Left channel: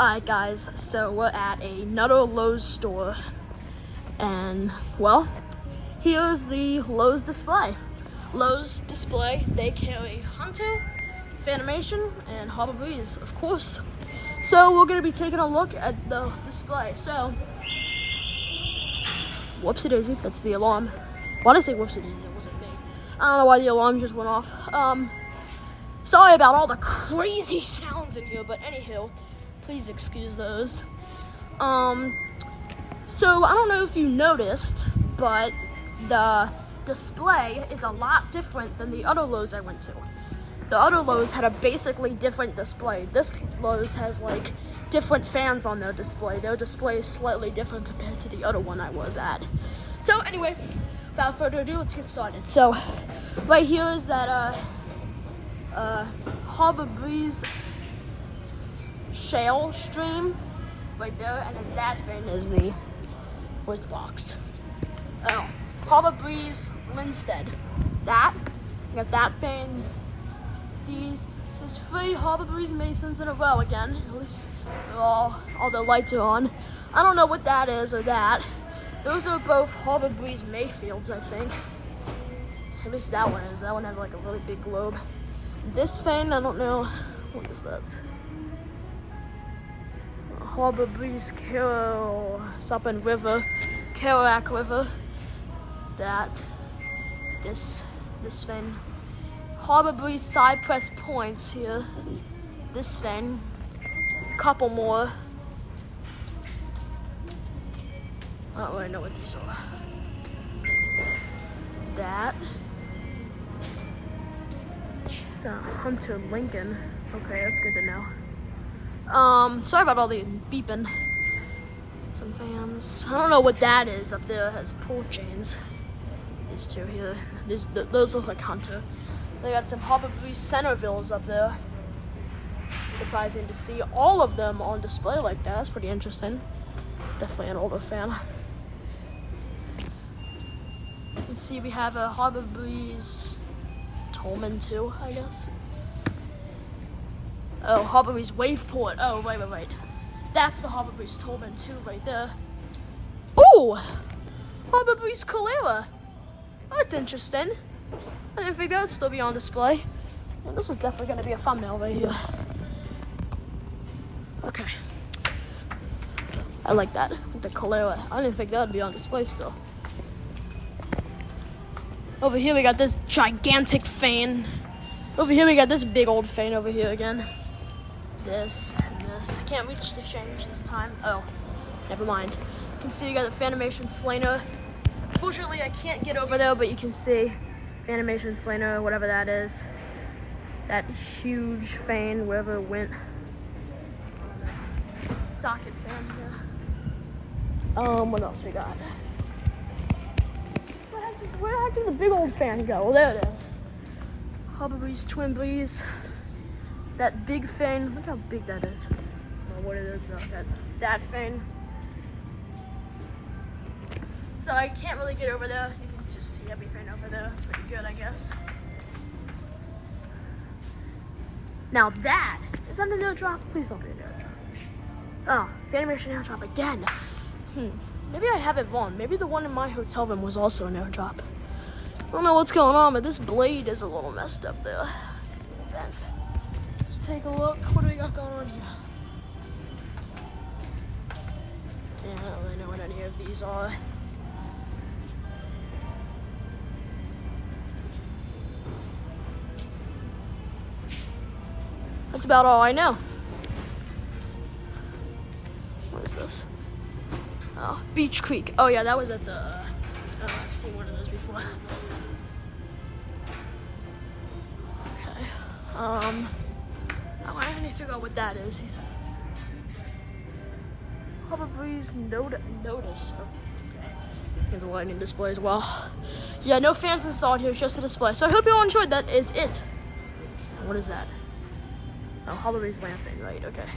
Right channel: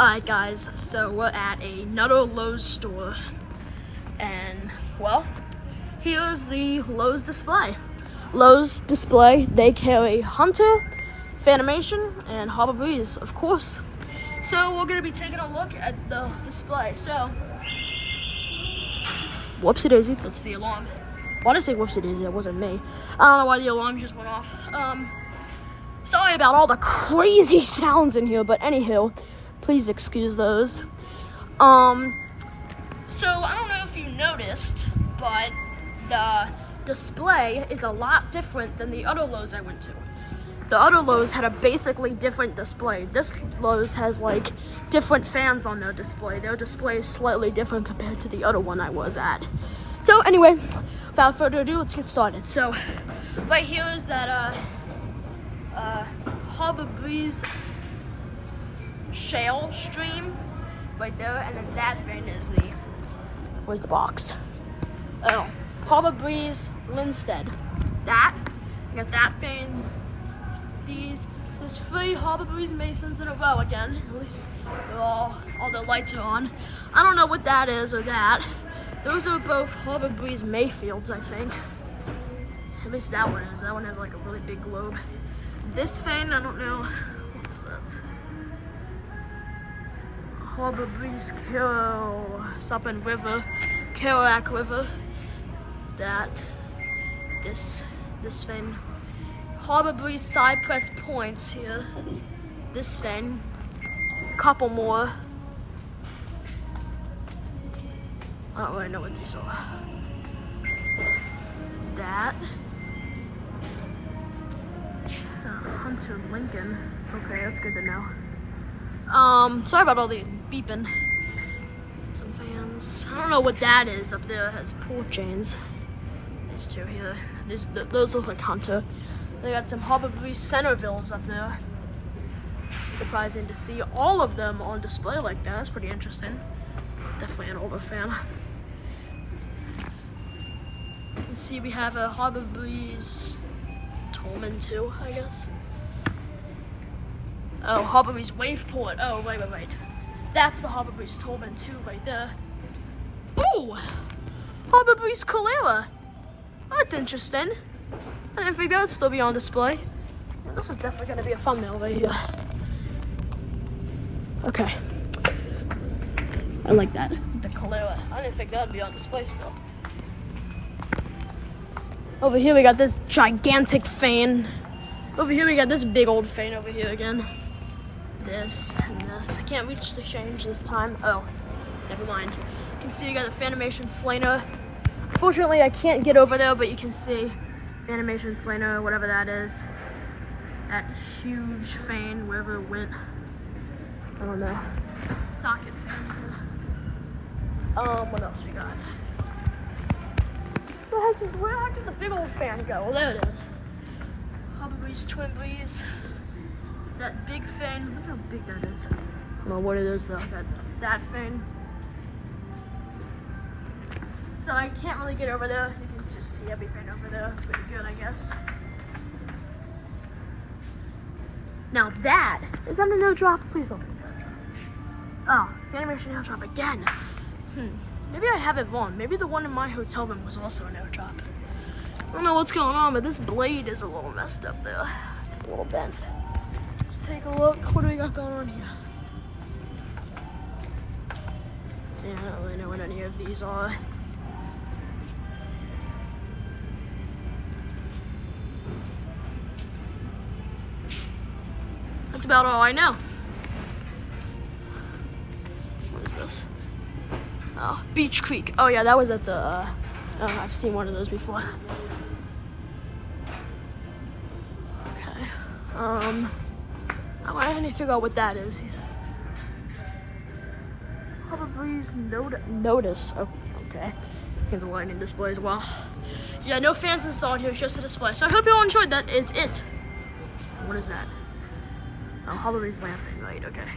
Alright guys, so we're at another Lowe's store, and well, here's the Lowe's display. Lowe's display, they carry Hunter, Fanimation, and Harbor Breeze, of course. So we're gonna be taking a look at the display. So, whoopsie daisy, that's the alarm. Why did I say whoopsie daisy? It wasn't me. I don't know why the alarm just went off. Sorry about all the crazy sounds in here, but anywho, please excuse those. So I don't know if you noticed, but the display is a lot different than the other Lowe's I went to. The other Lowe's had a basically different display. This Lowe's has like different fans on their display. Their display is slightly different compared to the other one I was at. So anyway, without further ado, let's get started. So right here is that Harbor Breeze shale stream right there, and then that thing is where's the box? Oh, Harbor Breeze Linstead. That, you got that thing. There's 3 Harbor Breeze Masons in a row again. At least they're all the lights are on. I don't know what that is or that. Those are both Harbor Breeze Mayfields, I think. At least that one is. That one has like a really big globe. This thing, I don't know. What is that? Harbor Breeze something River, Kerouac River. This thing. Harbor Breeze Cypress Points here. This thing. Couple more. I don't really know what these are. That. It's a Hunter Lincoln. Okay, that's good to know. Sorry about all the beeping. Some fans. I don't know what that is up there. It has pull chains. These two here. Those look like Hunter. They got some Harbor Breeze Centervilles up there. Surprising to see all of them on display like that. That's pretty interesting. Definitely an older fan. You see we have a Harbor Breeze Tolman too, I guess. Oh, Harbor Breeze Waveport. Oh, wait. That's the Harbor Breeze Tolman too right there. Ooh! Harbor Breeze Calera. That's interesting. I didn't think that would still be on display. Yeah, this is definitely going to be a thumbnail right here. Okay. I like that. The Calera. I didn't think that would be on display still. Over here we got this gigantic fan. Over here we got this big old fan over here again. This and this. I can't reach the change this time. Oh, never mind. You can see you got the Fanimation Slainer. Fortunately, I can't get over there, but you can see Fanimation Slainer, whatever that is. That huge fan, wherever it went. I don't know. Socket fan. What else we got? Where the heck did the big old fan go? Well, there it is. Harbor Breeze Twin Breeze. That big fan. Look how big that is. I don't know what it is though. That fan. So I can't really get over there. You can just see everything over there. Pretty good, I guess. Now that is that a no drop? Please don't be a no drop. Oh, Fanimation no drop again. Maybe I have it wrong. Maybe the one in my hotel room was also a no drop. I don't know what's going on, but this blade is a little messed up there. It's a little bent. Let's take a look. What do we got going on here? Yeah, I don't really know what any of these are. That's about all I know. What is this? Oh, Beach Creek. Oh yeah, that was at the, I've seen one of those before. Okay. I need to figure out what that is. Harbor Breeze Notice. Oh, okay. Here's the lightning display as well. Yeah, no fans installed here, it's just a display. So I hope you all enjoyed. That is it. What is that? Oh, Harbor Breeze Lansing, right, okay.